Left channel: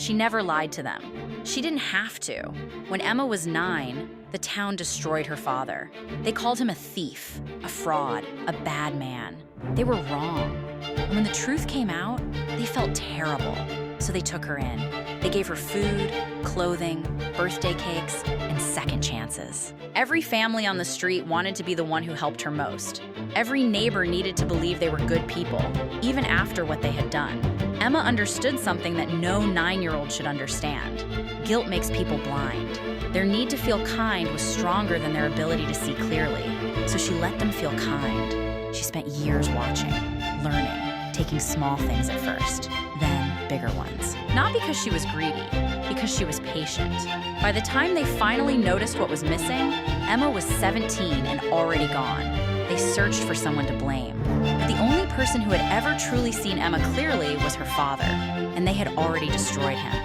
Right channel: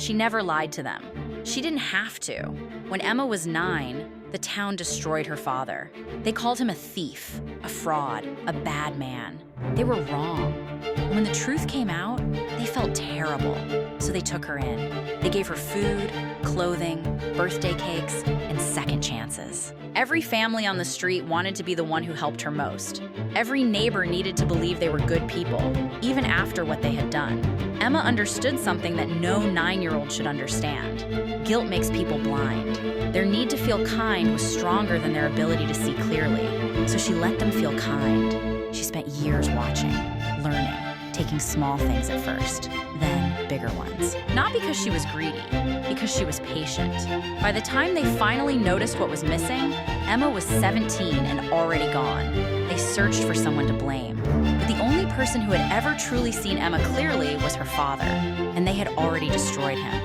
She never lied to them. She didn't have to. When Emma was 9, the town destroyed her father. They called him a thief, a fraud, a bad man. They were wrong. And when the truth came out, they felt terrible. So they took her in. They gave her food, clothing, birthday cakes, and second chances. Every family on the street wanted to be the one who helped her most. Every neighbor needed to believe they were good people, even after what they had done. Emma understood something that no 9-year-old should understand. Guilt makes people blind. Their need to feel kind was stronger than their ability to see clearly, so she let them feel kind. She spent years watching, learning, taking small things at first, then bigger ones. Not because she was greedy, because she was patient. By the time they finally noticed what was missing, Emma was 17 and already gone. They searched for someone to blame. But the only person who had ever truly seen Emma clearly was her father, and they had already destroyed him.